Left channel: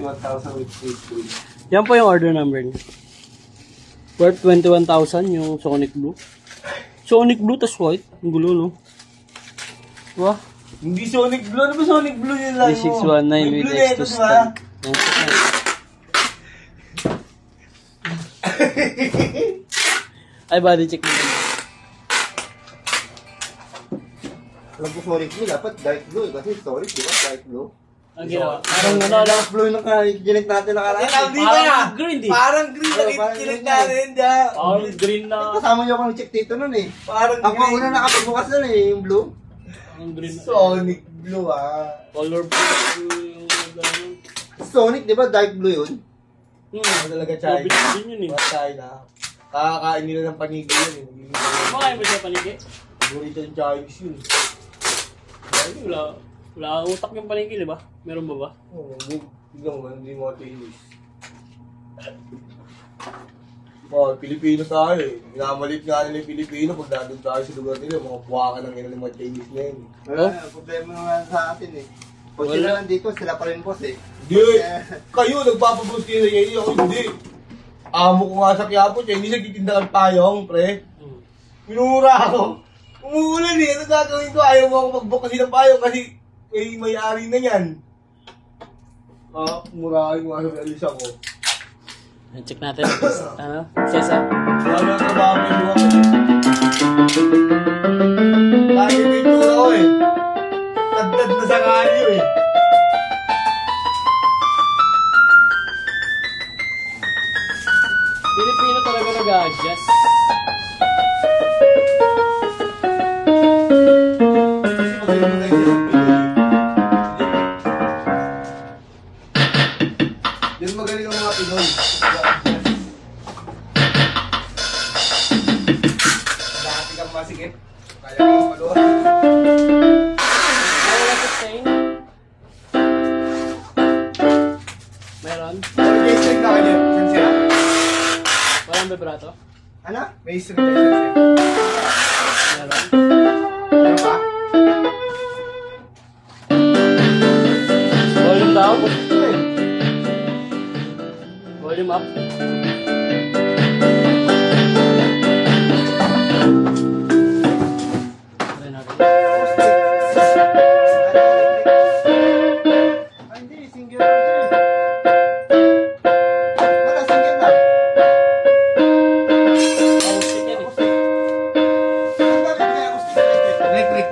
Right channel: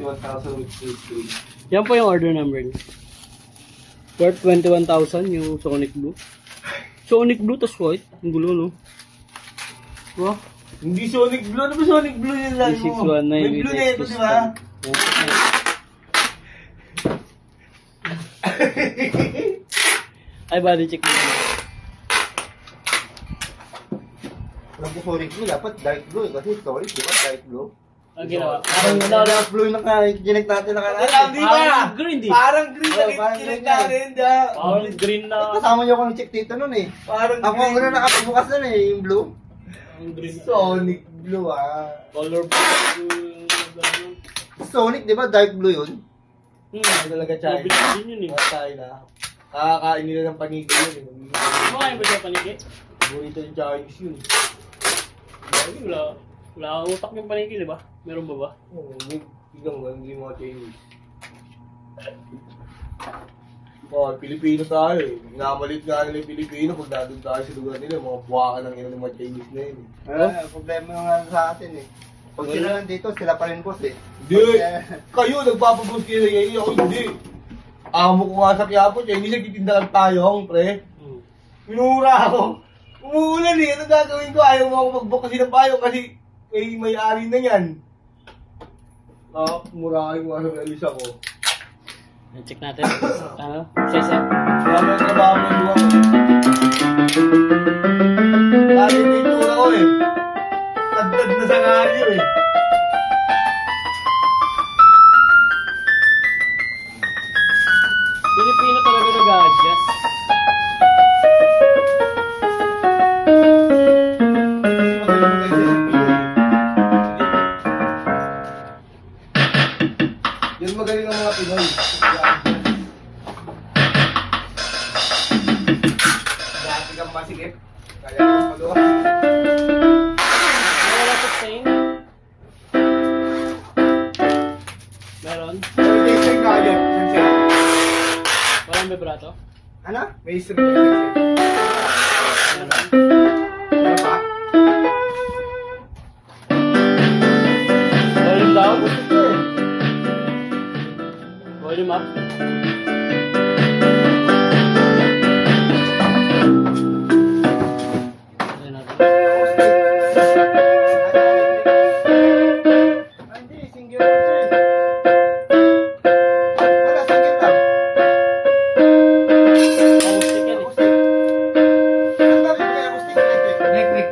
21,000 with free. Yan po yung order number niya. Worth 21,000 yung Sonic Blue. Sonic Blue tas white. Ang gulo, no? Wow. Hindi Sonic Blue. Ano ba Sonic Blue yun lang mo? 3619 with extra stand. Ay, body check mo. Alam ko Sonic Blue, dapat dark blue. Kasi Sonic, di ba? Dark blue. Ang ginawa. Parang dark blue yung ginig natin nakaraan. Parang green, di? Parang green na kinig natin. Parang green na. Kasama niyo ako ng check dito nun eh. Parang Ako ang muna nakapabukas nun eh, yung blue. Ang green. Sonic Blue ah. Color blue. Sonic, di ba? Dark blue yun. Ano talaga China? Green yun eh. China. Kakakain nila ng panigay yun eh. Makain ba siya paniki? Paborito ng Chinese yun. Wala utak yung paniki, di ba? Meron ba ba? Oo, biglang mo, hindi mo Chinese. Oh, Pilipino tayo eh. Minamalit nga nila yung Pilipino pag natin tayo sa lugar nila. Mga buwaka ng ina ng mga Chinese na yun eh. Wala, problema naman sa atin eh. Pag sila nandito, sila pa rin boss eh. Hindi! Kayo, nagpapabos kayo sa inyo. Ako hindi. Amo ko nga sa Quiapo, Chinese, nagtitinda lang tayo, pre. Minura ako. Umuulan eh, ano gagawin ko? Ayaw mo ako mag-book kasi ng payo kasi may-ari na yan. Murahin ko nga sa realisa ko. Check natin. Ano? Cesar. Marami ang trabaho mo yung luwa ko. Dati may tura ko eh. Tagtad na sa kalyo eh. Pilipino talaga nag-a-adjust. Yan magaling ang mga Pinoy. Dati kang masikip. Kaya kang maluwa. Wala sa stain. Meron? May string na kayo. Walang vibrato? Ano? May string na kayo. Meron? Ano ba? Volume down? Volume up? Try natin. Hindi, single sir. Wala, single lang. Acoustic yan eh. Ang gawin ko yung acoustic electric.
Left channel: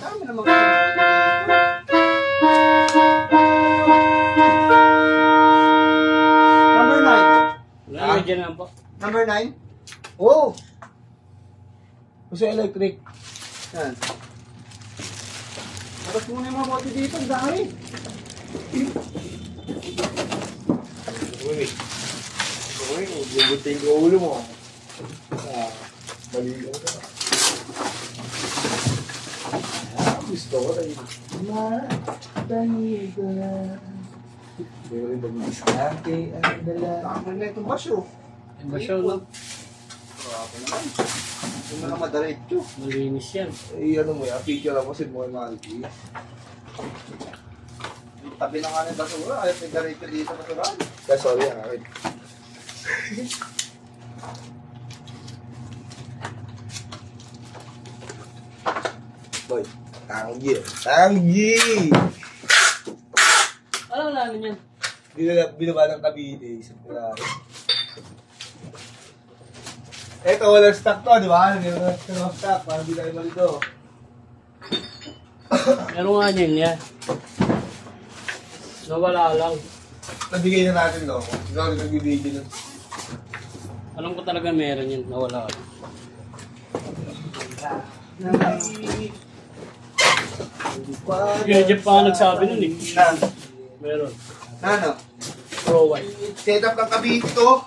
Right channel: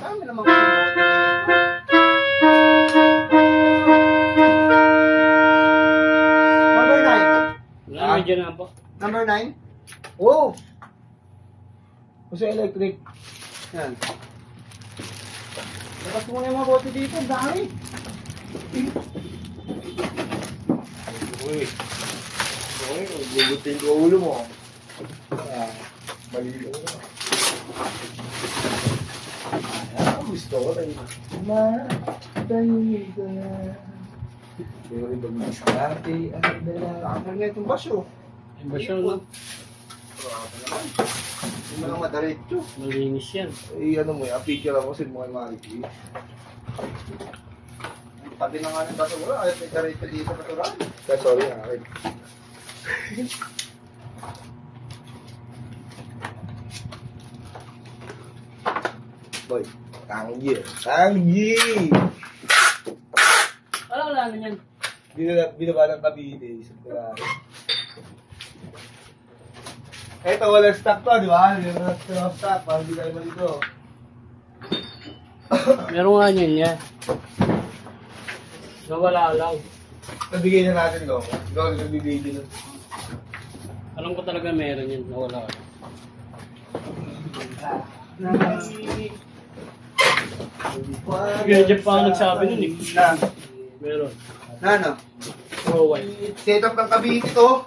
Dami naman ko yung Number 9. Wala, medyo na po. Number 9. Oo! Kasi electric. Yan. Tapos muna yung mga bote dito, ang dami. Uy. Uy, gugutin ko ulo mo. Mali lang ka. Gusto ko tayo. Matay ka. Pero ibang diskarte ang dala. Ang na itong basyo. Iba siya, no? Grabe naman. Hindi mo lang madaretso. Malinis yan. Eh, ano mo yan, picture ako sa mga maliki. Tabi na nga ng basura, ayaw may daretso dito natural. Kaya sorry ang akin. Boy, tanggi. Tanggi! Wala ano yan. Binaba ng Cavite. Eto, walang stock to, di ba? Hindi walang stock, parang di kayo malito. Meron nga niyan yan. Nawala lang. Nabigay na natin, no? Ikaw, nagbibigay na. Alam ko talaga meron yun. Nawala lang. Yung Jeff pa nagsabi nun eh. Meron. Ano? Pro white. Setup ng Cavite to.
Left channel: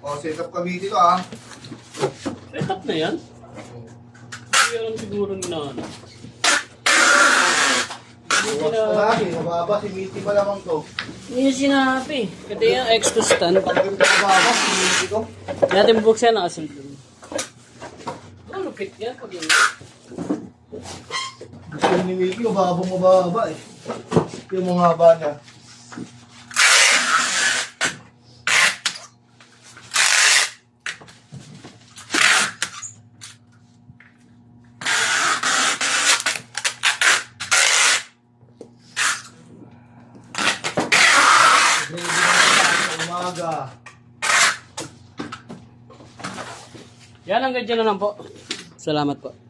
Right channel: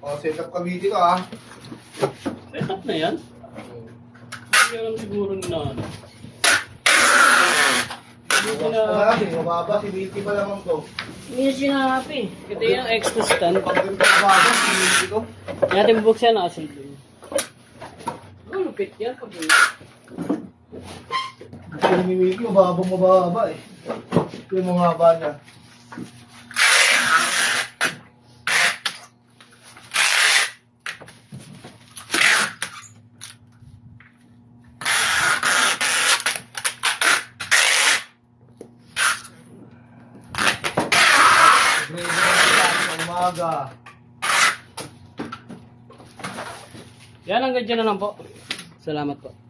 Oh, setup Cavite to ah. Setup na yan? Hindi alam siguro na ano. Mababa, simiti pa lamang to. Hindi sinabi. Ito yung X2 stand. Pag ganito mababa, simiti to. Natin bubuksan na kasi. Ano Mahigpit yan pag Gusto ni Wiki, mababa eh. Yung mga haba na. Umaga. Yan, hanggang dyan na lang po. Salamat po.